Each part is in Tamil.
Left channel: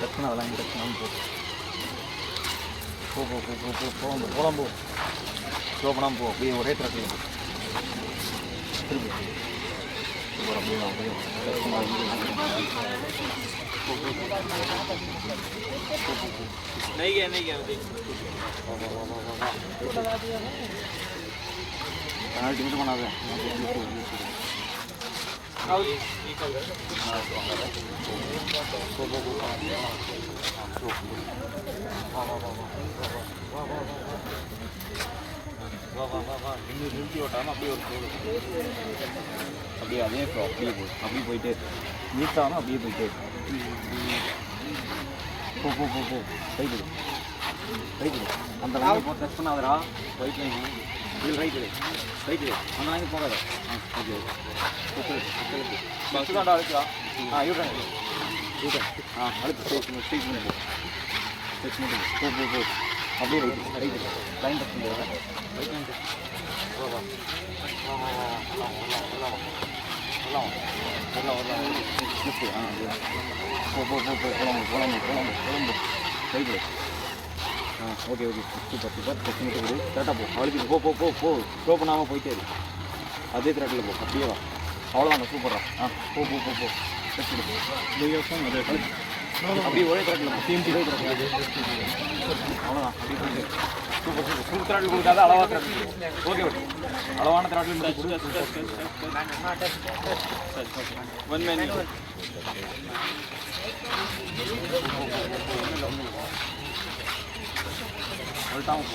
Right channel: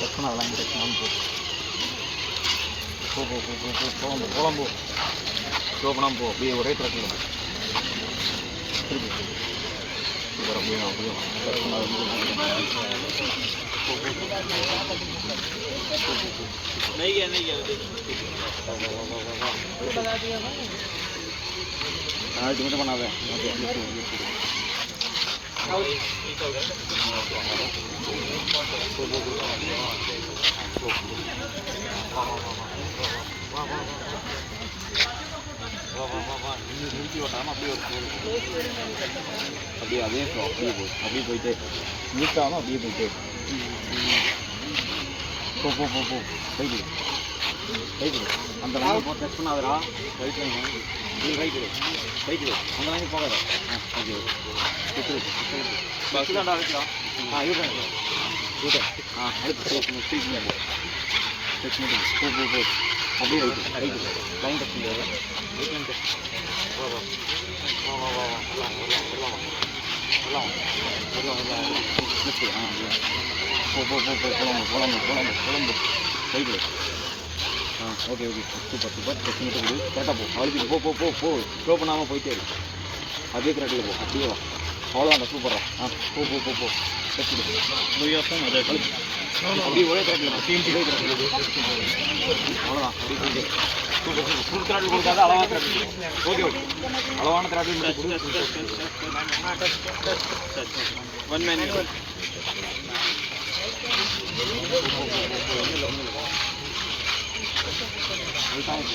டச் பண்ண அதெல்லாம் டச் பண்ணாமல் போகலாம் போ ஸ்லோ பண்ணாமல் போ அப்படியே ஒரே ட்ராக்கில் திருப்பி சூப்பர் அப்படியே டச் பண்ண மட்டும் பண்ணாத நிறுத்தி ஓட்டாமல் அப்படியே ஒரு ஸ்லோவில் அப்படியே அதே ஸ்லோ அப்படியே போயிட்டு நிறுத்தாமல் அப்படியே போயிட்டு போயிட்டு அந்த லைனை போ டச் பண்ணாதரா ரைட் லைன் இது ரைட்டு அந்த லைனுக்கு போகாத ஓகே நெக்ஸ்ட் தாண்டா அழுக்கலாம் யூட்டன் அழுத்து ஸ்பீக் பண்ணி டச் பண்ணி போ அப்படியே ரைட்டு லைன் டச் பண்ணுறது ரைட் லைன் டச் போலாம் ரைட்டு ஓகே சூப்பர் டச் மட்டும் கொடு கரெக்டாக போ அழுத்தி போ ஸ்லோ பண்ணாமல் போயிட்டே இருக்கு அதே கரெக்டில் போ அப்படியே வா அவ்வளோதாங்க சூப்பராக போ டச் அப்படியே ஒரே கரெக்டில் போ ஒரே கரெக்டில் அவ்வளோதான் அப்படியே போயிட்டு சூப்பர் ஃபுல் த்ராட்டில் கொடுக்காத அளவாக த்ராட்டில் ஓகே அளவான த்ராட்டில் மட்டும் கொடு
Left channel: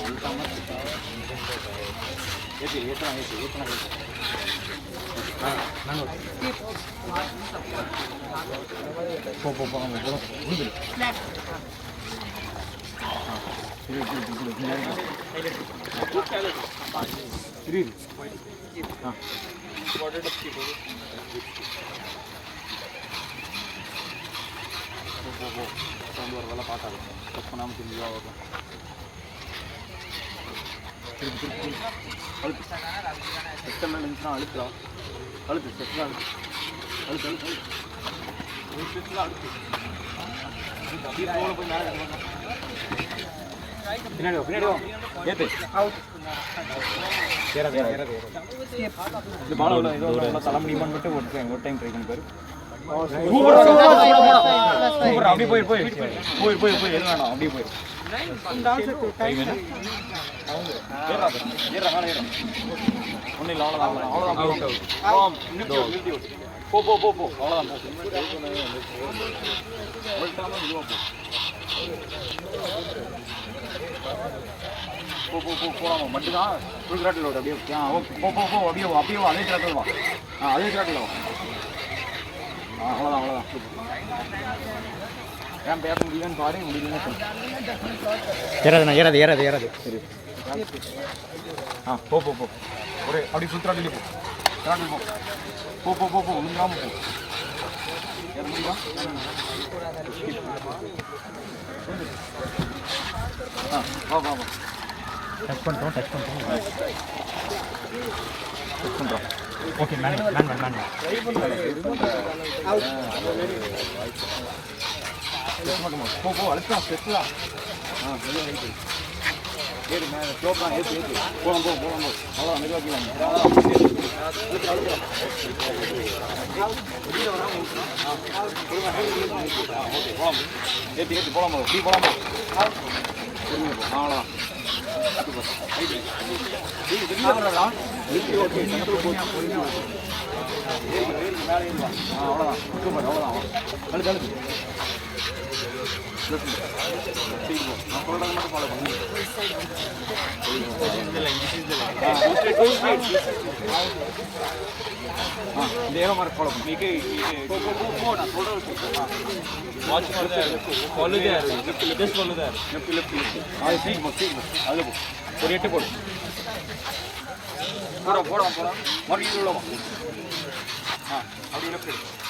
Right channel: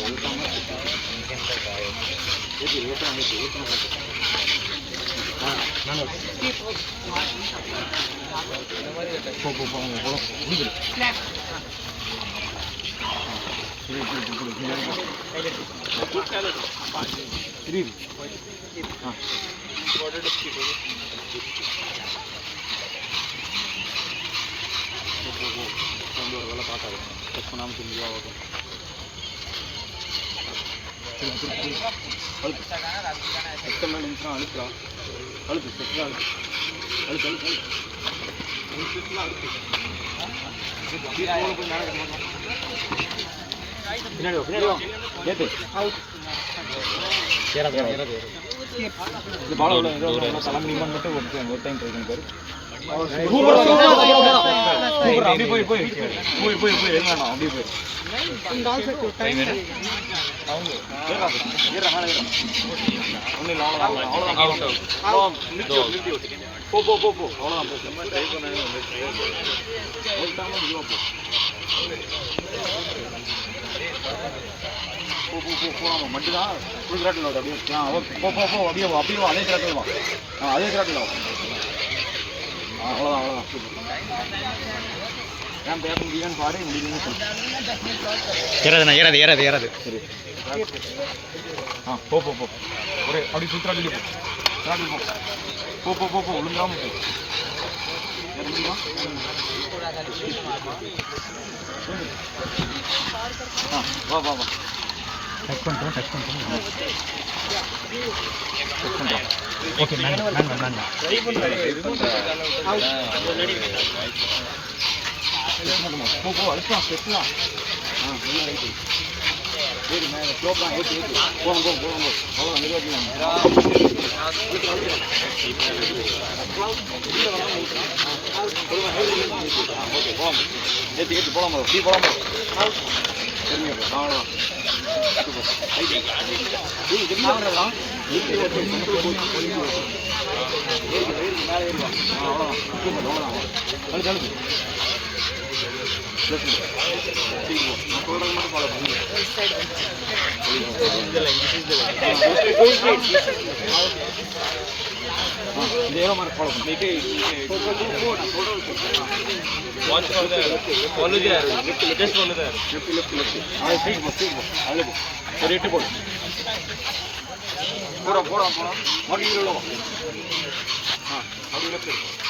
உள்டாமல் ஏற்றலாம் ஒரு வேலை பார்க்காது டச் பண்ணாமல் திரும்பி திருப்பி அழுத்து செக்ஷன் மேலே இருந்துச்சுன்னா அழுத்து செக்ஷன் அழுத்து அப்படியே போய் பின்னாடி ஏற்று இந்த பாலம் எவ்வளோ தலை முடியுமான்னு மட்டும் ஒரு டைம் ட்ரை பண்ணி பாரு அப்படியே போய் எது வேணாம் அப்படியே போய் ஒன்றும் இல்லை அவ்வளோதான் போ அவ்வளோதான் போகலாமா மட்டும்தான் ஃபுல் கிராட்டில் அப்படியே ஓகே அப்படியே அதே கிராட்டில் வா அதே கிராட்டில் வா அவ்வளோதான் ஏன் பேச முடியும்னு பாரு முடியும்னு ஏறாது சரி போ ஒரே அப்படி ஃபுல் கிராட்டில் போ ஒழுங்காமல் போ ஏற முடியுமா வா டச் பண்ணுறோம் ஓகே போ அழுத்தம் ஸ்டெப்லாம் ஏறி மேலே ஸ்லோப்லாம் ஏற்றி போகணும் அவ்வளோ மெதுவாக்கலாம் ஓகே போகலாம் ஏற்றி போகலாமா ஃப்ரீ போகலாமா சரிங்க போ அவ்வளோதான் அவ்வளோதான் அழுத்து நான் சொல்கிறது மட்டும் ஃபாலோ பண்ணி இந்த ஏரோ மாதிரி ஃபாலோ பண்ணிட்டு நான் சொல்கிறது அழுது ஒரு 8 போடு போடா மறுபடியும் அப்படி லெஃப்ட்